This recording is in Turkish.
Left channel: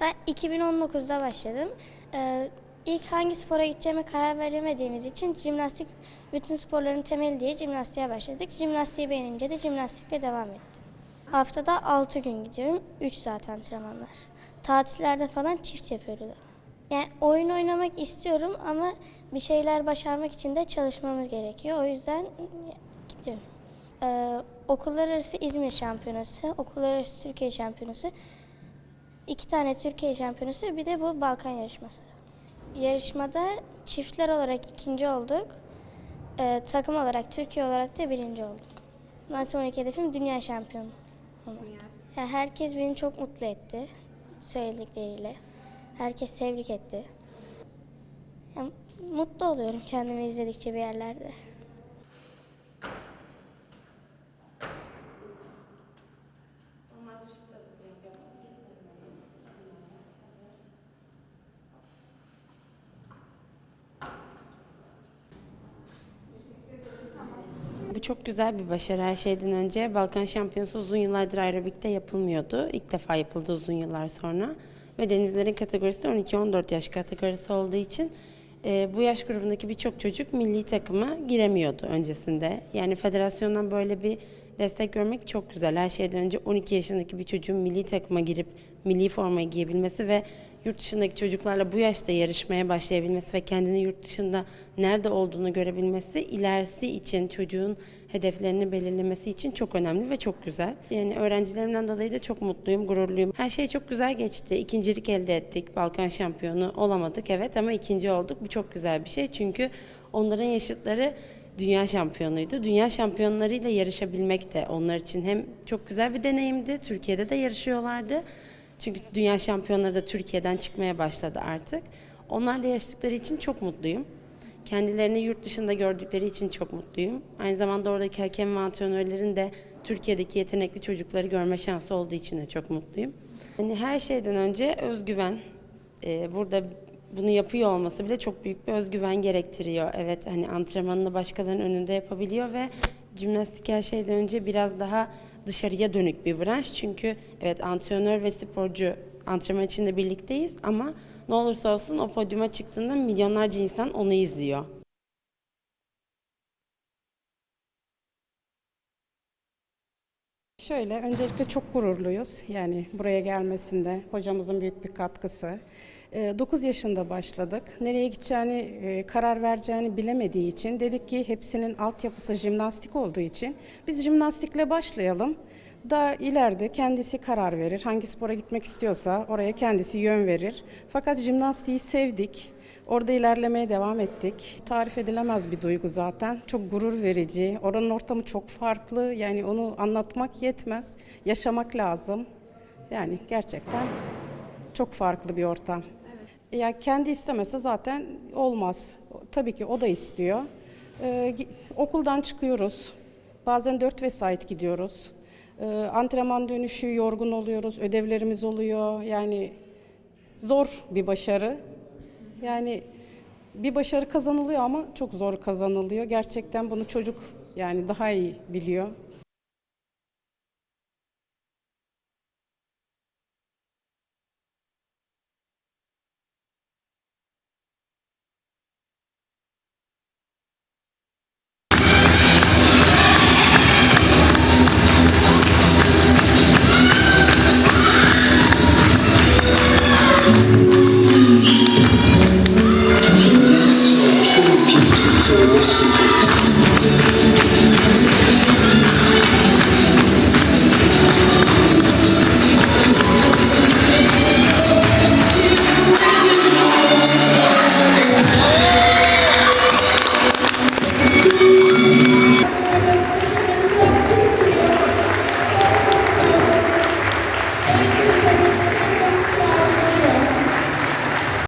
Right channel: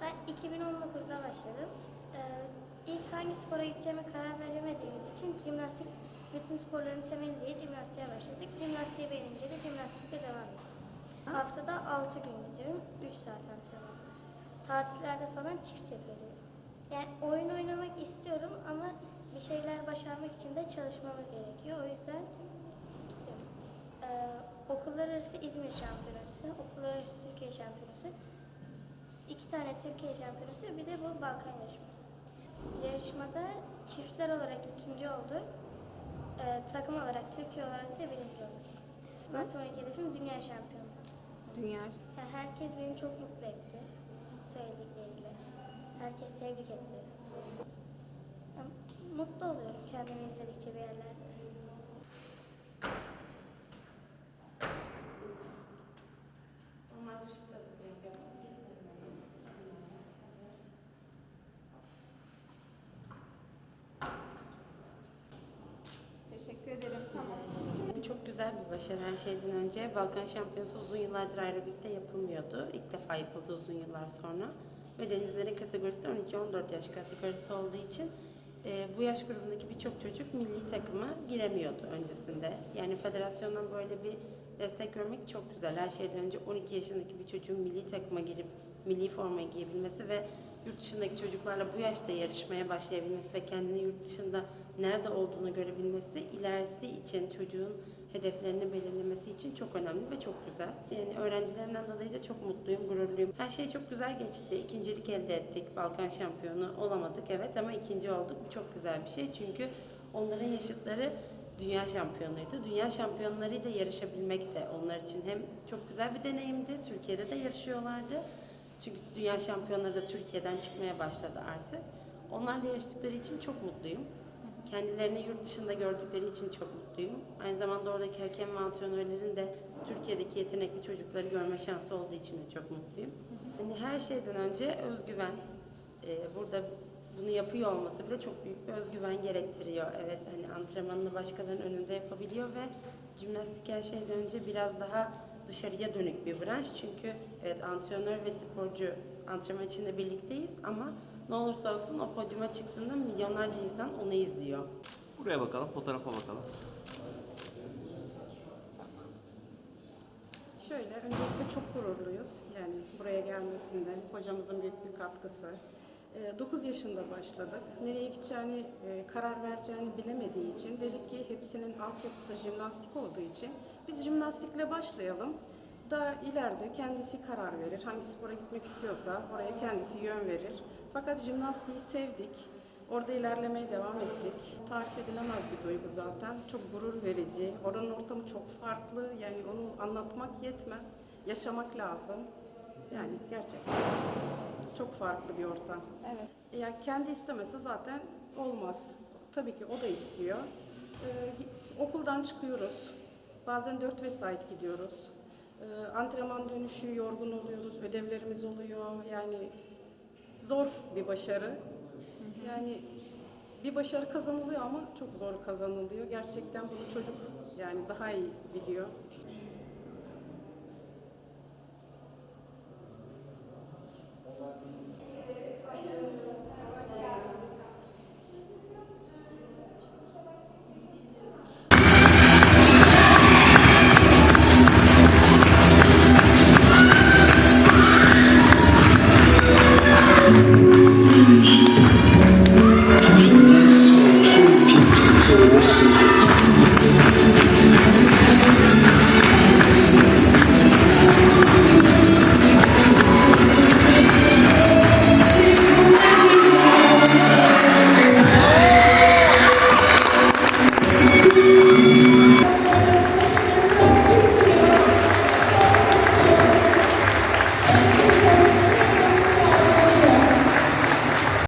Ben 2019'da başladım. Ee, ilk hangi spora gideceğime karar veremediğimiz için jimnastik bütün sporların temeli diye jimnastiğe başladık. Jimnastiği beğenince de jimnastikle devam ettim. Haftada 6 gün gidiyorum. 3 saat antrenmanlar. Tatillerde falan çift yapıyoruz. Yani oyun oynamak istiyorum ama bir şeyler başarmak için de çalışmamız gerekiyor. O yüzden gidiyorum. Ee, okullar arası İzmir şampiyonası, okullar arası Türkiye şampiyonası, iki tane Türkiye şampiyonası bir de bu Balkan yarışması. Yarışmada çiftler olarak ikinci olduk. Ee, takım olarak Türkiye olarak da birinci olduk. Bundan sonraki hedefim dünya şampiyonu. Ya herkes beni çok mutlu etti söyledikleriyle. Herkes tebrik etti. Ya, mutlu oluyorum kendimi izledikçe bir yerlerde. Bu çok güzel bir başarı her şeyden önce. Balkan Şampiyonası uzun yıllardır aerobikte yapılmıyordu. İlk defa yapıldı uzun yıllar sonra. Ve denizlerin kategorisi de 12-14 yaş kategorisi olduğu için e, bu yaş grubundaki birçok çocuk milli takıma giremiyordu öncesinde. Yani federasyondan böyle bir destek görmek çok güzel. Her şeyden önce 12 yaşındaki bir çocuğun milli takıma girip milli formayı giyebilmesi ve yurt dışındaki çocuklarla bu yaşta yarışmaya başlayabilmesi ve kendini yurt dışında nerede olduğunu görebilmesi ilerisi için çocuğun hedeflerini belirlemesi için çok önemli ve çok güzel. Yani öğrencilerimden dolayı da çok mutluyum, gururluyum. Her şey çok güzel geçti. İkincilik elde ettik. Balkan şampiyonu olamadık evet ama ikinci olduk. Bu çok güzel bir şey çünkü onların yaşıtları dünya şampiyonuydu. Dünya şampiyonlarıyla yarışabilmek de onlar için hem çok güzel bir deneyimdi. Türkiye'de de yarışıyorlardı. Çünkü dünya şampiyonları da Türkiye'den çıkmaya başladı artık. Onlarla yarıştıkları için çok mutluyum. Kendilerini yurt dışında gördükleri için çok mutluyum. Aynı zamanda oradaki hakem ve antrenörlerin de Türkiye'deki yetenekli çocukları görme şansı olduğu için de çok mutluyum. Yani her şeyden önce özgüven. Ee, burada bunu yapıyor olması bile çok büyük bir özgüven gerektiriyor. Evet hani antrenmanını başkalarının önünde yapabiliyor ve jimnastik her şeyden önce biraz daha dışarıya dönük bir branş. Çünkü evet antrenör ve sporcu antrenman içinde birlikteyiz ama ne olursa olsun o podyuma çıktığında milyonlarca insan onu izliyor. Buraya bakalım, fotoğrafa bakalım. Şöyle, öncelikle çok gururluyuz. Yani buraya gelmesinde hocamızın büyük bir katkısı. 9 yaşında başladık. Nereye gideceğini, e, karar vereceğini bilemediği için dedik ki hepsinin altyapısı jimnastik olduğu için biz jimnastikle başlayalım. Daha ileride kendisi karar verir. Hangi spora gitmek istiyorsa oraya kendisi yön verir. Fakat jimnastiği sevdik. Orada ilerlemeye devam ettik. Tarif edilemez bir duygu zaten. Çok gurur verici. Oranın ortamı çok farklı. Yani onu anlatmak yetmez. Yaşamak lazım. Yani gerçekten çok farklı bir ortam. Ya kendi istemese zaten olmaz. Tabii ki o da istiyor. Ee, okuldan çıkıyoruz. Bazen dört vesait gidiyoruz. Ee, antrenman dönüşü yorgun oluyoruz. Ödevlerimiz oluyor. Yani zor bir başarı. Yani bir başarı kazanılıyor ama çok zor kazanılıyor. Gerçekten bunu çocuk yani daha iyi biliyor.